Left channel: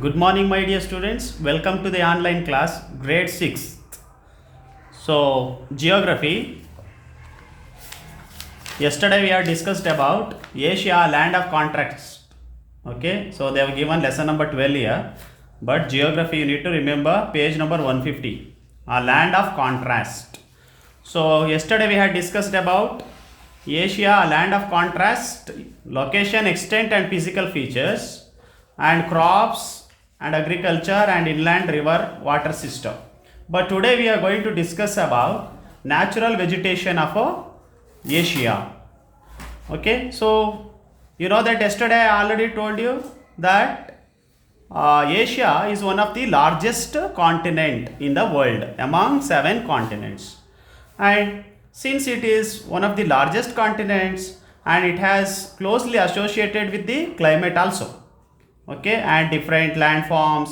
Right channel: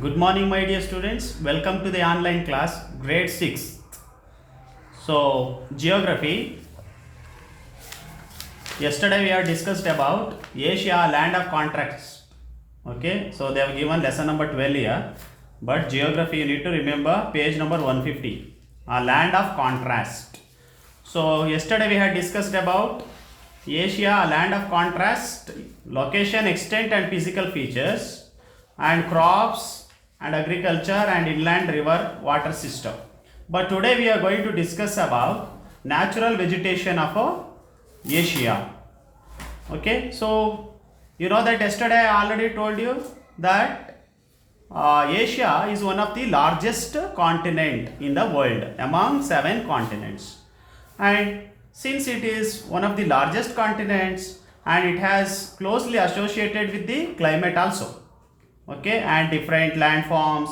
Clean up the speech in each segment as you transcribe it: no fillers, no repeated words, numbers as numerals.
Good morning, my dear students. Welcome to the online class, grade 6. So, geography. Yesterday we have discussed about Asia, land of contrast. Okay, so they have given lesson number 12 here. But geography, you need to remember page number 150. A land of contrast. So, yesterday we had discussed about Asia, a land of contrast, location, extent, and physical features, and crops and agriculture and inland river water system. But today we are going to discuss about natural vegetation of Asia. Okay, so you know that yesterday I already told you that Asia is one of the largest continent in the world among 7 continents, and since it is one of the largest continents and it has closely associated with the climate also, okay, and different landforms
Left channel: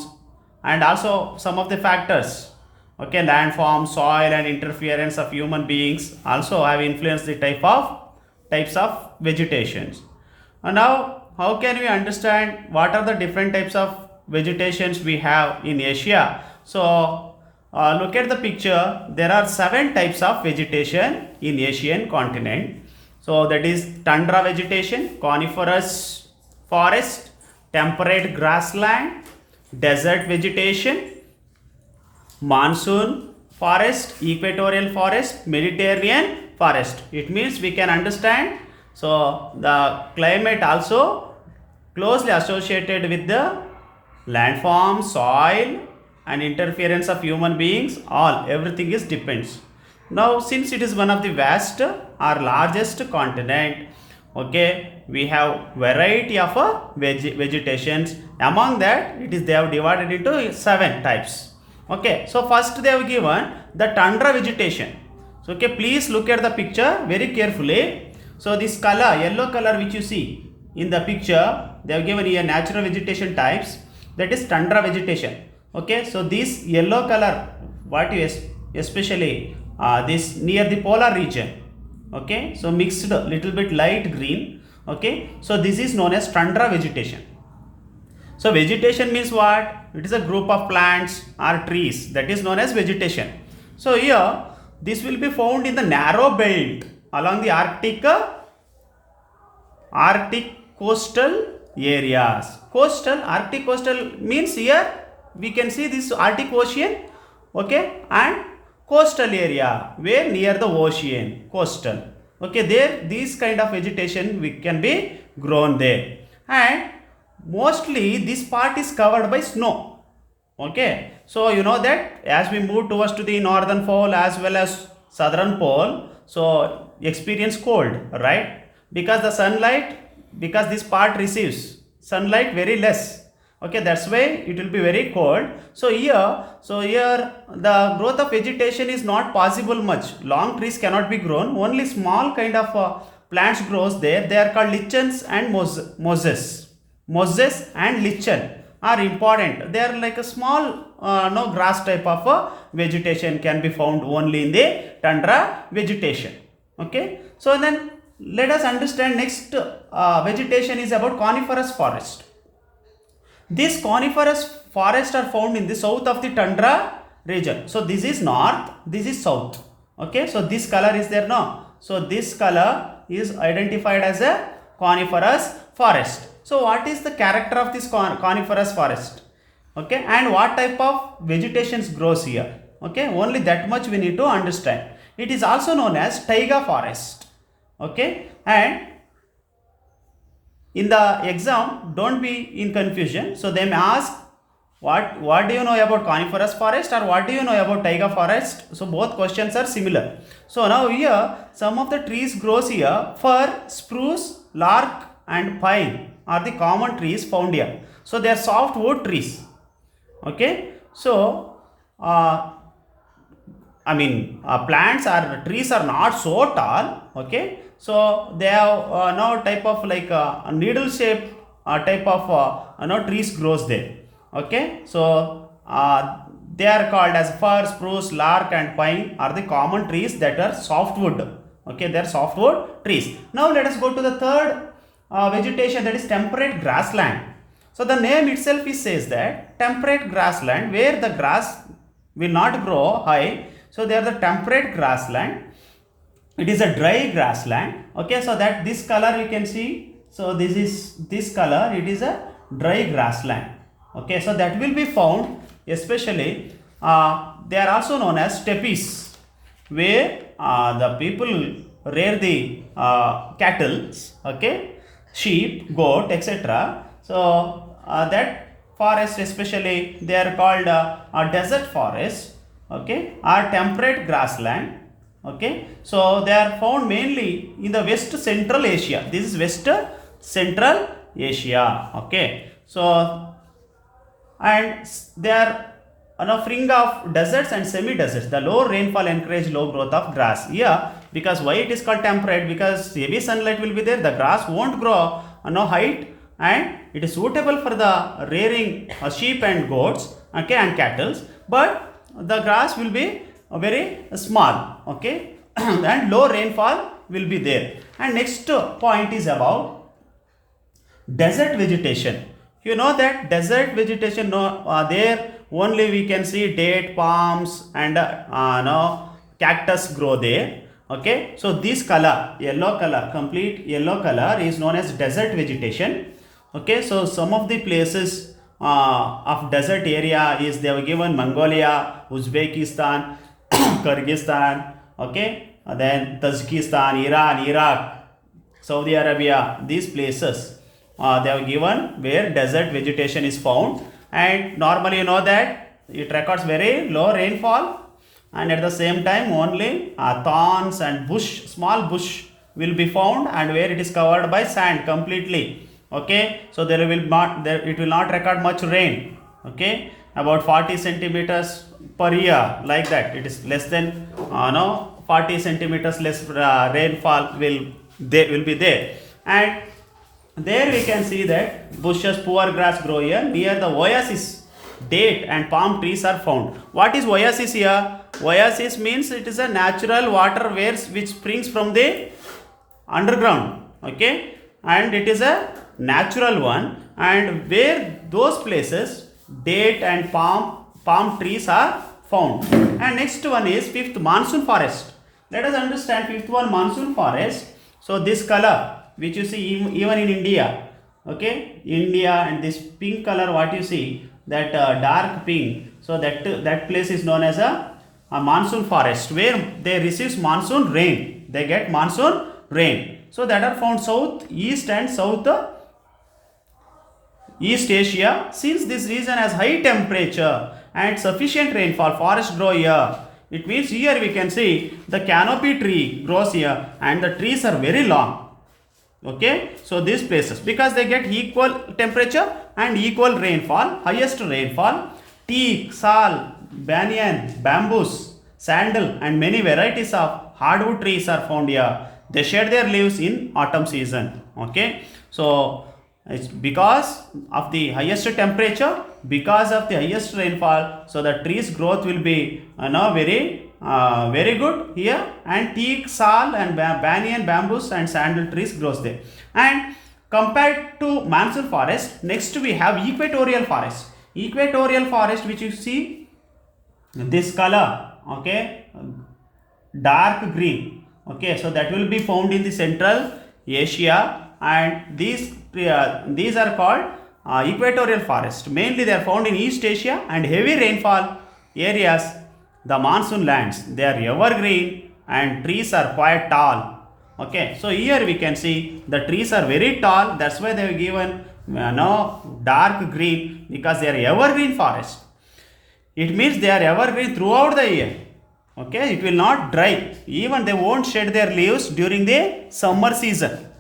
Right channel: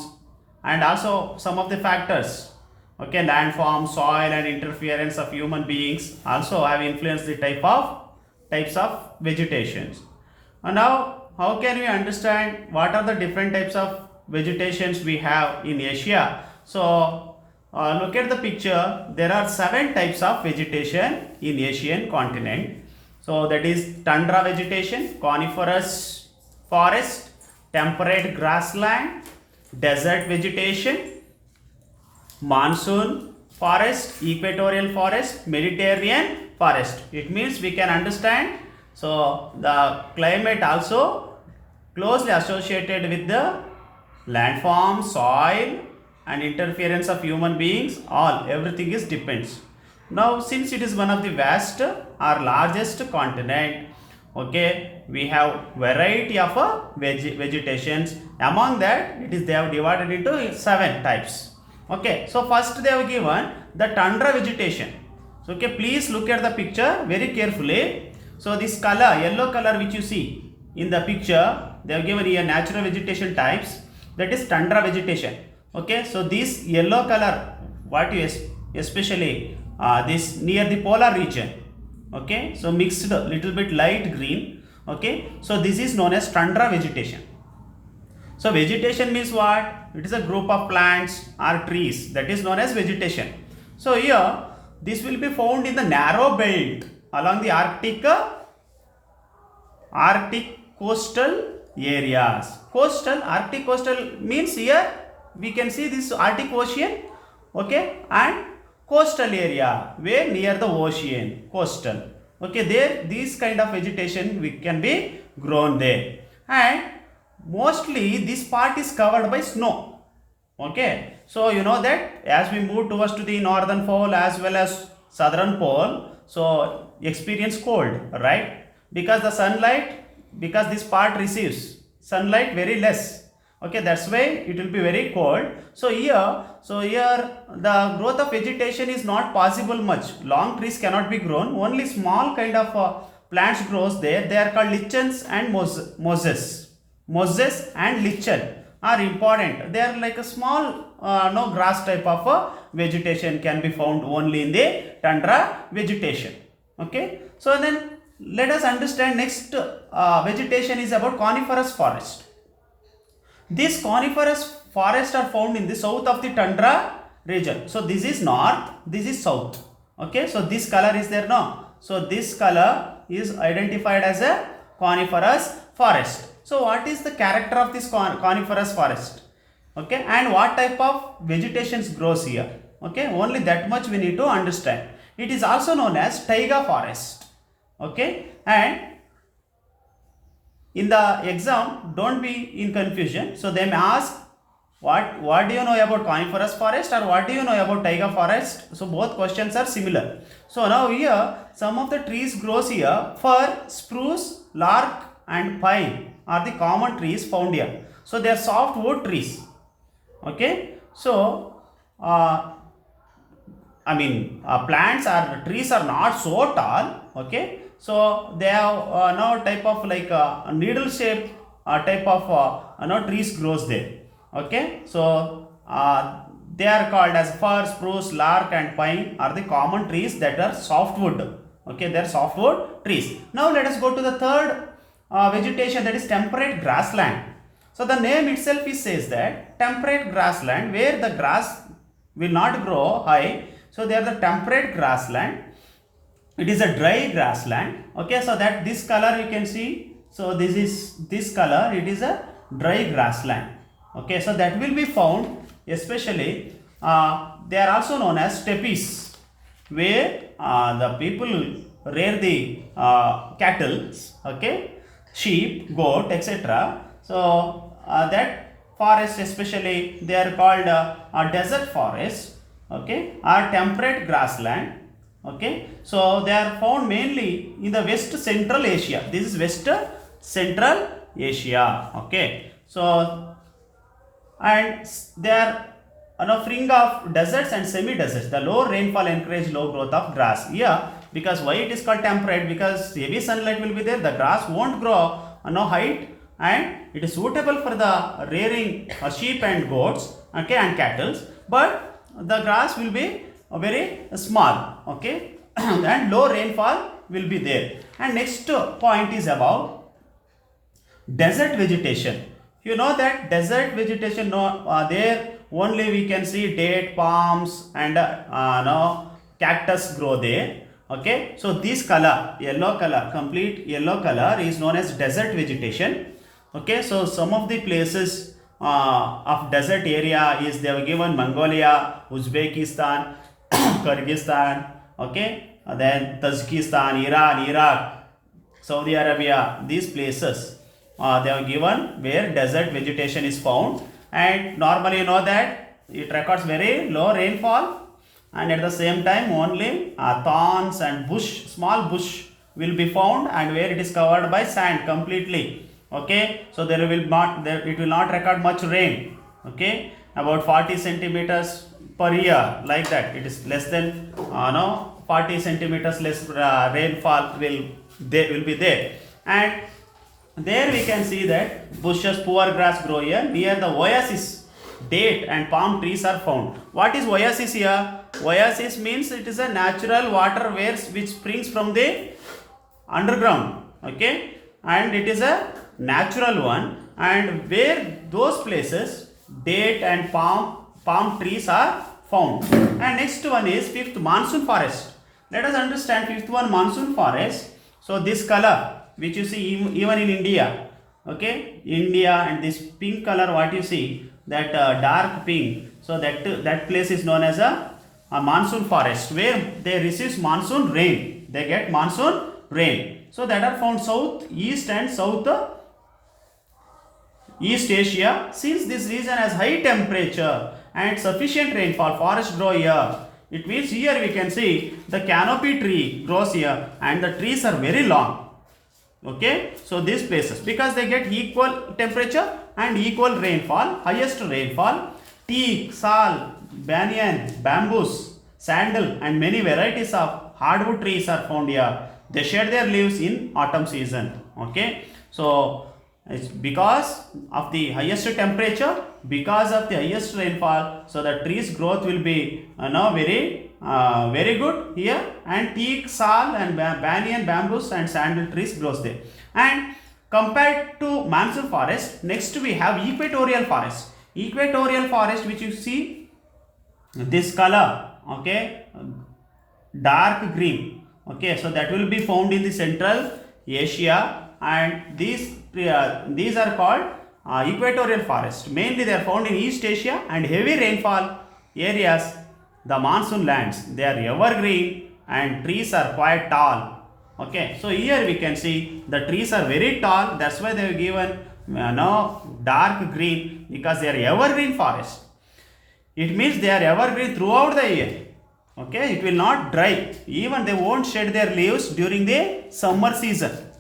and also some of the factors, okay, landform, soil and interference of human beings also have influenced the types of vegetations. And now how can we understand what are the different types of vegetations we have in Asia? So look at the picture. There are 7 types of vegetation in Asian continent. So that is tundra vegetation, coniferous forest, temperate grassland, desert vegetation, monsoon forest, equatorial forest, Mediterranean forest. It means we can understand. So the climate also closely associated with the landform, soil, and interference of human beings. All everything is depends. Now, since it is one of the vast or largest continent, okay, we have variety of vegetations. Among that, they have divided into 7 types. Okay, so first they have given the tundra vegetation. So okay, please look at the picture very carefully. So this color, yellow color which you see in the picture, they have given here natural vegetation types, that is tundra vegetation. Okay, so this yellow color, what you especially this near the polar region, okay, so mixed little bit light green, okay, so this is known as tundra vegetation. So vegetation means what? It is a group of plants or trees that is known as vegetation. So here this will be found in the narrow belt along the Arctic coastal areas. Arctic coastal means here we can see this Arctic Ocean, okay, and coastal area where near the ocean, coastal, okay, there these kind of vegetation we can be grown there, and mostly this part is covered by snow. Okay, so you know that as we move towards to the northern pole as well as southern pole, so experience cold, right? Because the sunlight, because this part receives sunlight very less, okay, that's why it will be very cold. So here the growth of vegetation is not possible much. Long trees cannot be grown, only small kind of plants grows there. They are called lichens and mosses and lichen are important. They are like a small no grass type of vegetation can be found only in the tundra vegetation. Okay, so then let us understand next vegetation is about coniferous forest. These coniferous forests are found in the south of the tundra region. So this is north, this is south. Okay, so this color is there now. So this color is identified as a coniferous forest. So what is the character of this coniferous forest? Okay, and what type of vegetations grows here? Okay, only that much we need to understand. It is also known as taiga forest. Okay, and in the exam, don't be in confusion. So they may ask, what do you know about coniferous forest or what do you know about taiga forest? So both questions are similar. So now here some of the trees grows here. Fir, spruce, lark and pine are the common trees found here. So they are softwood trees. Okay, so plants or trees are not so tall. Okay, so they have no type of like needle shaped type of trees grows there. Okay, so they are called as fir, spruce, lark and pine are the common trees that are softwood. Okay, they are softwood trees. Now let us go to the third vegetation, that is temperate grassland. So the name itself is says that temperate grassland where the grass will not grow high. So they are the temperate grassland. It is a dry grassland. Okay, so that this color you can see. So this is this color. It is a dry grassland. Okay, so that will be found especially. They are also known as steppes, where the people rear the cattle. Okay, sheep, goat, etc. So that forest especially they are called a desert forest. Okay, or temperate grassland. Okay, so they are found mainly in the West Central Asia. This is West Central Asia. Okay, so and they are offering of deserts and semi-deserts. The low rainfall encourage low growth of grass. Yeah, because why it is called temperate? Because heavy sunlight will be there. The grass won't grow no height, and it is suitable for the rearing sheep and goats. Okay, and cattle. But the grass will be very small. Okay, and low rainfall will be there. And next point is about desert vegetation. You know that desert vegetation, there only we can see date, palms, and no cactus grow there. Okay, so this color, yellow color, complete yellow color is known as desert vegetation. Okay, so some of the places of desert area is they have given Mongolia, Uzbekistan, Kyrgyzstan. Okay, then Tajikistan, Iran, Iraq, Saudi Arabia. These places they have given where desert vegetation is found, and normally you know that it records very low rainfall, and at the same time only thorns and bush, small bush will be found, and where it is covered by sand completely. Okay, so there will not it will not record much rain. Okay, about 40 centimeters per year, like that. It is less than 40 centimeters less rainfall will be there. And there we can see that bushes, poor grass grow here. Near the oasis, date and palm trees are found. What is oasis here? Oasis means it is a natural water which springs from the underground. Okay, and it is a natural one, and where those places date and palm trees are found. And next one is fifth, monsoon forest. Let us understand fifth one, monsoon forest. So this color which you see even in India, okay, India, and this pink color what you see, that dark pink, so that place is known as a monsoon forest, where they receive monsoon rain, they get monsoon rain. So that are found south, east and south East Asia. Since this region has high temperature and sufficient rainfall, forests grow here. It means here we can see the canopy tree grows here, and the trees are very long. Okay, so these places, because they get equal temperature and equal rainfall, highest rainfall, teak, sal, banyan, bamboos, sandal, and many varieties of hardwood trees are found here. They shed their leaves in autumn season. Okay, so it's because of the highest temperature, because of the highest rainfall, so the trees growth will be very good here, and teak, sal, and banyan, bamboos, and sandal trees grows there. And compared to monsoon forest, next we have equatorial forest. Equatorial forest, which you see this color, okay, dark green. Okay, so that will be found in the Central Asia, and these are called equatorial forest. Mainly they are found in East Asia and heavy rainfall areas, the monsoon lands. They are evergreen and trees are quite tall. Okay, so here we can see the trees are very tall. That's why they have given dark green, because they are evergreen forest. It means they are evergreen throughout the year. Okay, it will not dry. Even they won't shed their leaves during the summer season.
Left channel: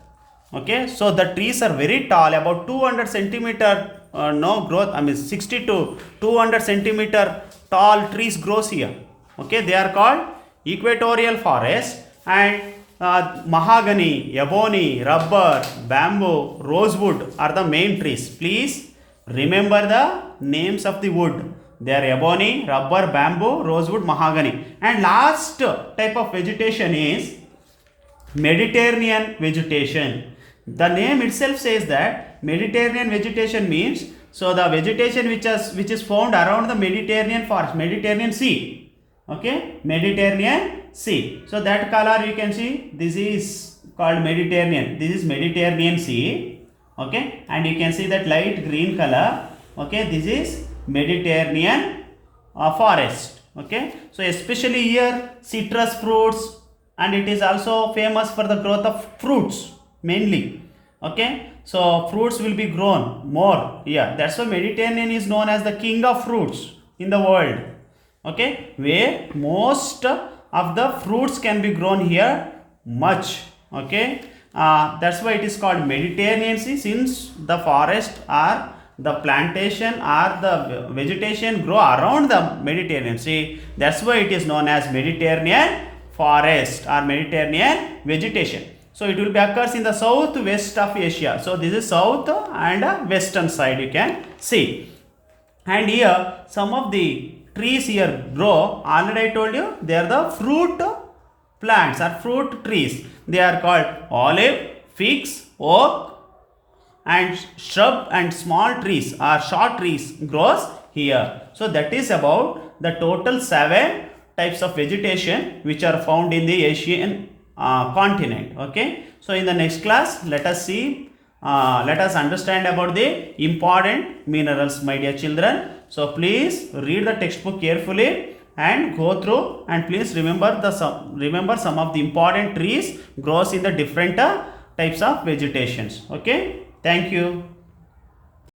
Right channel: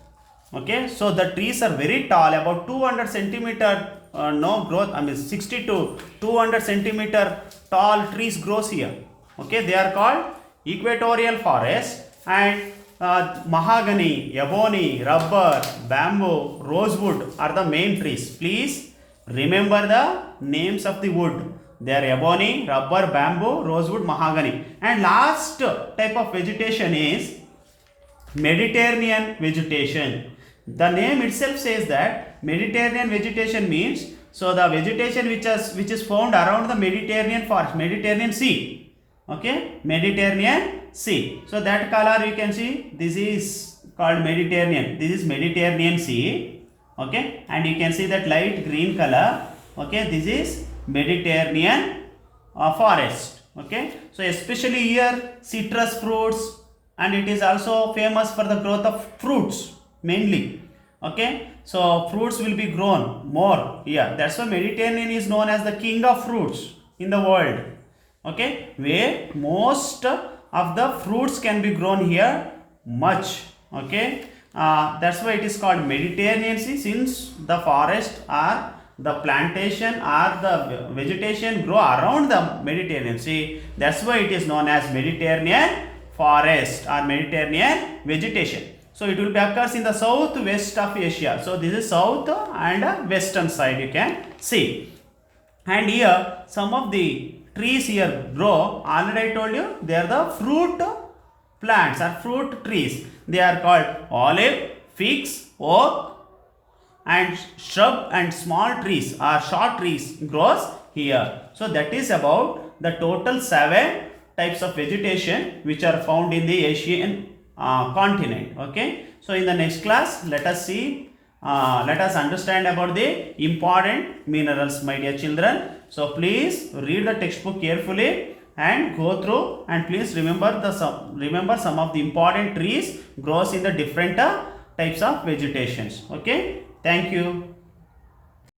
Okay, so the trees are very tall, about 200 centimeter growth. I mean 60 to 200 centimeter tall trees grows here. Okay, they are called equatorial forest. And mahogany, ebony, rubber, bamboo, rosewood are the main trees. Please remember the names of the wood. They are ebony, rubber, bamboo, rosewood, mahogany. And last type of vegetation is Mediterranean vegetation. The name itself says that Mediterranean vegetation means, so the vegetation which is found around the Mediterranean forest, Mediterranean Sea. Okay, Mediterranean Sea. So that color you can see, this is called Mediterranean. This is Mediterranean Sea. Okay, and you can see that light green color. Okay, this is Mediterranean forest. Okay, so especially here citrus fruits, and it is also famous for the growth of fruits mainly. Okay, so fruits will be grown more here. That's why Mediterranean is known as the king of fruits in the world. Okay, where most of the fruits can be grown here much. Okay, that's why it is called Mediterranean Sea, since the forest or the plantation or the vegetation grow around the Mediterranean Sea. That's why it is known as Mediterranean forest or Mediterranean vegetation. So it will be occurs in the southwest of Asia. So this is south and western side you can see. And here some of the trees here grow. Already I told you they are the fruit plants or fruit trees. They are called olive, figs, oak, and shrub and small trees or short trees grows here. So that is about the total 7 types of vegetation which are found in the Asian continent. Okay, so in the next class let us see, let us understand about the important minerals, my dear children. So please read the textbook carefully and go through, and please remember some of the important trees grows in the different types of vegetations. Okay, thank you.